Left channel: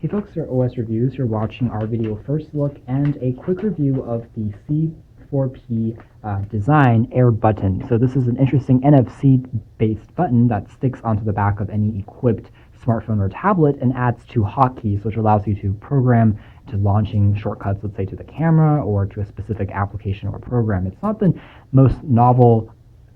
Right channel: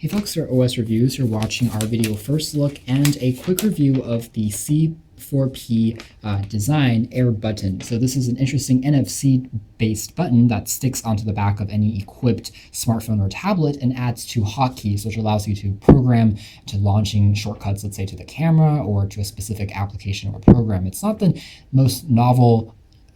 Hey folks, for OS Reviews, you're watching our video first look and a quick review of the C4P design Air button. So this is an interesting NFC-based button that sticks onto the back of any equipped smartphone or tablet and adds two hotkeys, which allows you to program to launching shortcuts, let's say to the camera or to a specific application or program. It's not the most novel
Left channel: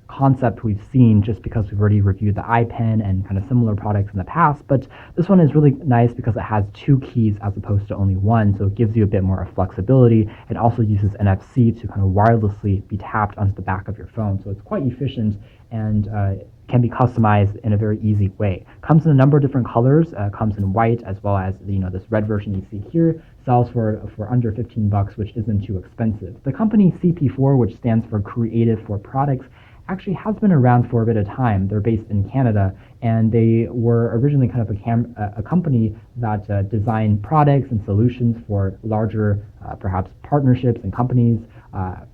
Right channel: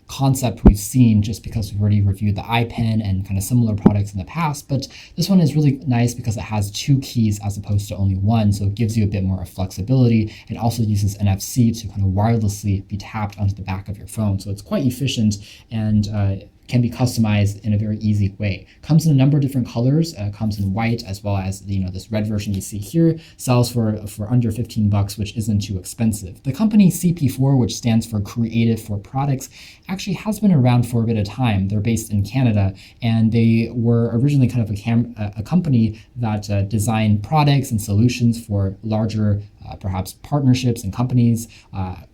concept we've seen just because we've already reviewed the iPen and kind of similar products in the past, but this one is really nice because it has two keys as opposed to only one, so it gives you a bit more flexibility. It also uses NFC to kind of wirelessly be tapped onto the back of your phone, so it's quite efficient and can be customized in a very easy way. Comes in a number of different colors. Comes in white as well as this red version you see here. Sells for under 15 bucks, which isn't too expensive. The company CP4, which stands for Creative for Products, actually has been around for a bit of time. They're based in Canada, and they were originally kind of a company that designed products and solutions for larger perhaps partnerships and companies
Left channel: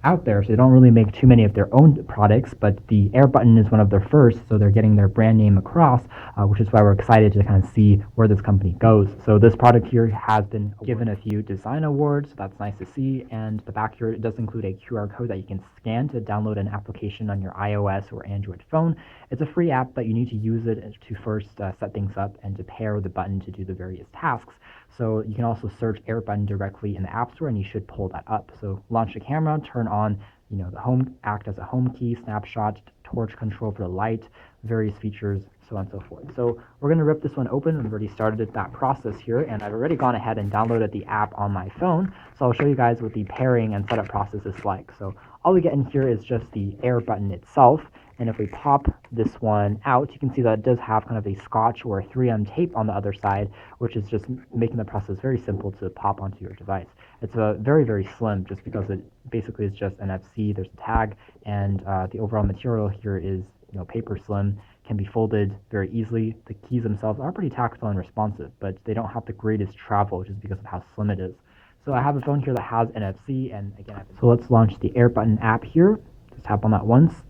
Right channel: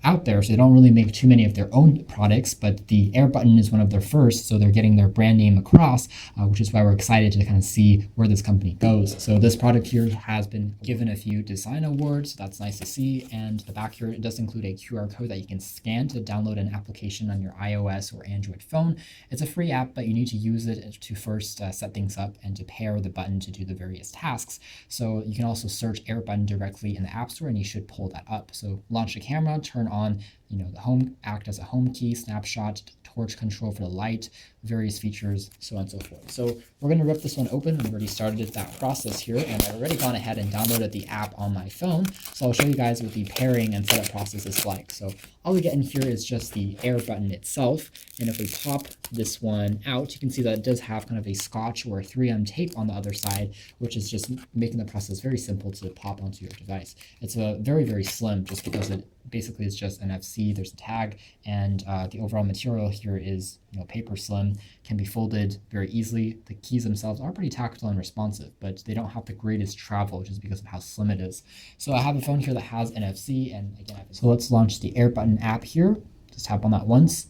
out there. So they don't really make too many of their own products, but the Air button is one of their first, so they're getting their brand name across, which is why we're excited to kind of see where this company goes. So this product here has been given a few design awards, so that's nice to see. And the back here, it does include a QR code that you can scan to download an application on your iOS or Android phone. It's a free app, but you need to use it to first set things up and to pair the button to do the various tasks. So you can also search Air button directly in the App Store, and you should pull that up. So launch the camera, turn on the home, act as a home key, snapshot, torch control for the light, various features, so on and so forth. So we're going to rip this one open. I've already started that process here, and I've already gone ahead and downloaded the app on my phone. So I'll show you guys what the pairing and setup process is like. So all we get in here is just the Air button itself. And if we pop this one out, you can see that it does have kind of a Scotch or a 3M tape on the other side, which is just making the process very simple to pop onto your device. It's very, very slim just because it basically is just NFC. There's a tag, and the overall material here is paper slim, can be folded very easily. The keys themselves are pretty tactile and responsive, but they don't have the greatest travel just because of how slim it is. So I have a phone here that has NFC, and again, so let's launch the Air button app here. Just tap on that once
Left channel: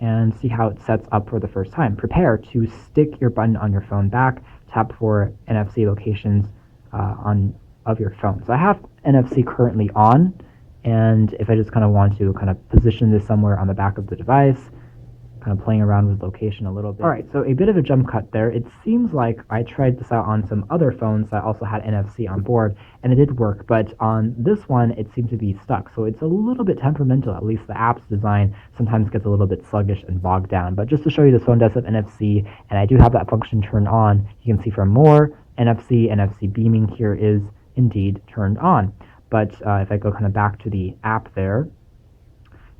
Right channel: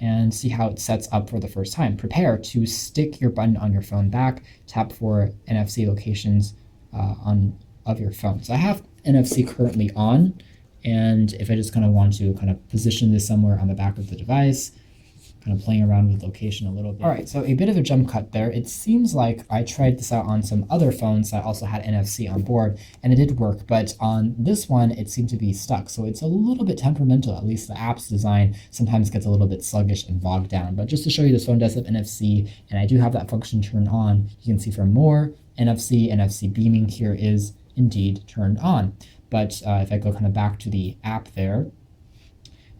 and see how it sets up for the first time. Prepare to stick your button on your phone back. Tap for NFC locations of your phone. So I have NFC currently on, and if I just kind of want to position this somewhere on the back of the device, kind of playing around with location a little bit. All right, so a bit of a jump cut there. It seems like I tried this out on some other phones that also had NFC on board, and it did work, but on this one, it seemed to be stuck. So it's a little bit temperamental. At least the app's design sometimes gets a little bit sluggish and bogged down. But just to show you, this phone does have NFC, and I do have that function turned on. You can see for more NFC beaming here is indeed turned on. But if I go kind of back to the app there,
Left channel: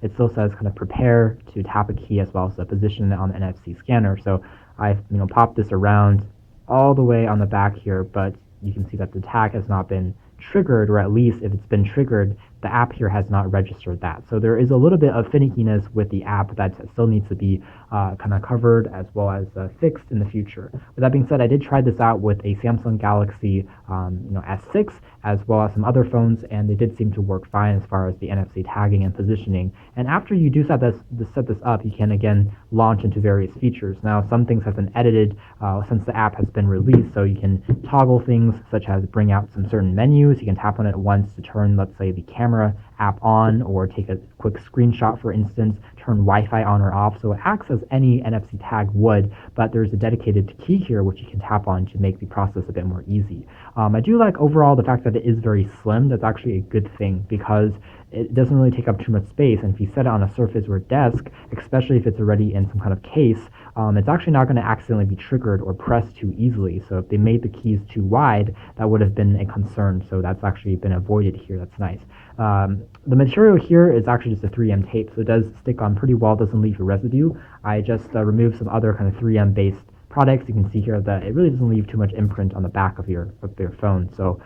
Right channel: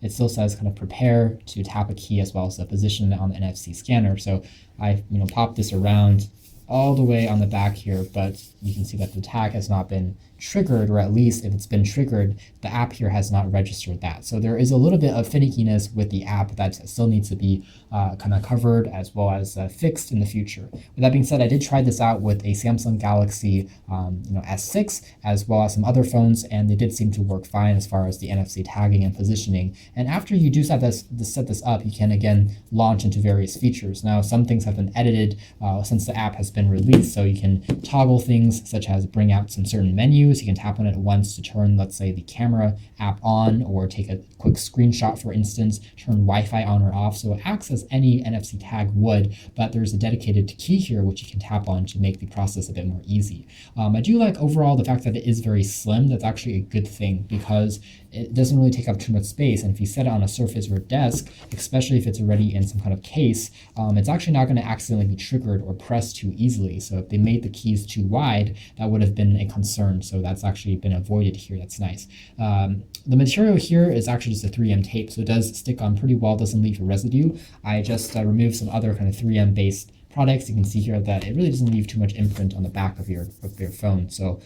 it still says kind of prepare to tap a key as well as the position on the NFC scanner. So I've popped this around all the way on the back here, but you can see that the tag has not been triggered, or at least if it's been triggered, the app here has not registered that. So there is a little bit of finickiness with the app that still needs to be kind of covered as well as fixed in the future. With that being said, I did try this out with a Samsung Galaxy S6 as well as some other phones, and they did seem to work fine as far as the NFC tagging and positioning. And after you do set this up, you can again launch into various features. Now, some things have been edited since the app has been released, so you can toggle things such as bring out some certain menus. You can tap on it once to turn, let's say, the camera app on, or take a quick screenshot, for instance, turn Wi-Fi on or off. So it acts as any NFC tag would, but there's a dedicated key here which you can tap on to make the process a bit more easy. I do like overall the fact that it is very slim. That's actually a good thing because it doesn't really take up too much space. And if you set it on a surface or desk, especially if it's already in some kind of case, it's actually not going to accidentally be triggered or pressed too easily. So if they made the keys too wide, that would have been a concern. So that's actually been avoided here. That's nice. The material here is actually just a 3M tape, so it does stick on pretty well, doesn't leave a residue. I just removed some other kind of 3M based products. You can see here that it really doesn't leave too much imprint on the back of your phone. So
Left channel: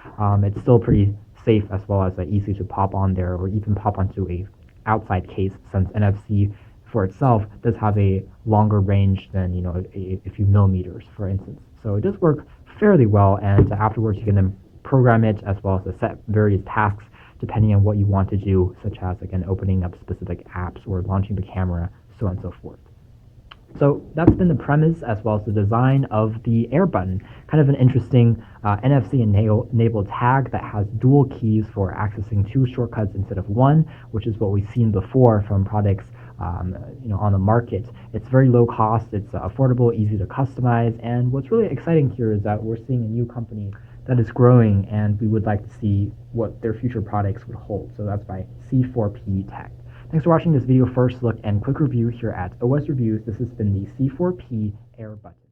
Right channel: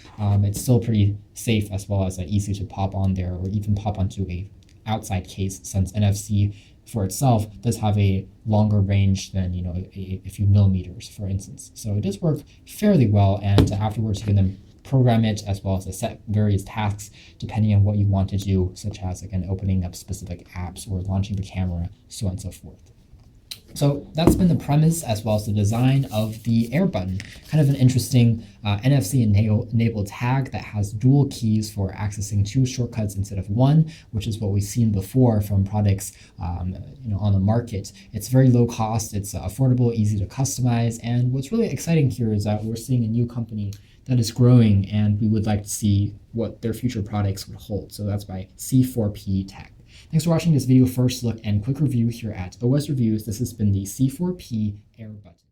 it's still pretty safe as well as easy to pop on there, or even pop onto a outside case, since NFC for itself does have a longer range than a few millimeters, for instance. So it does work fairly well, and afterwards you can then program it as well as set various tasks depending on what you want to do, such as again opening up specific apps or launching the camera, so on and so forth. So that's been the premise as well as the design of the Air button. Kind of an interesting NFC enabled tag that has dual keys for accessing 2 shortcuts instead of 1, which is what we've seen before from products on the market. It's very low cost, it's affordable, easy to customize, and what's really exciting here is that we're seeing a new company that is growing, and we would like to see what their future products would hold. So that's by C4P Tech. Thanks for watching this video first look and quick review here at OS Reviews. This has been the C4P Air button.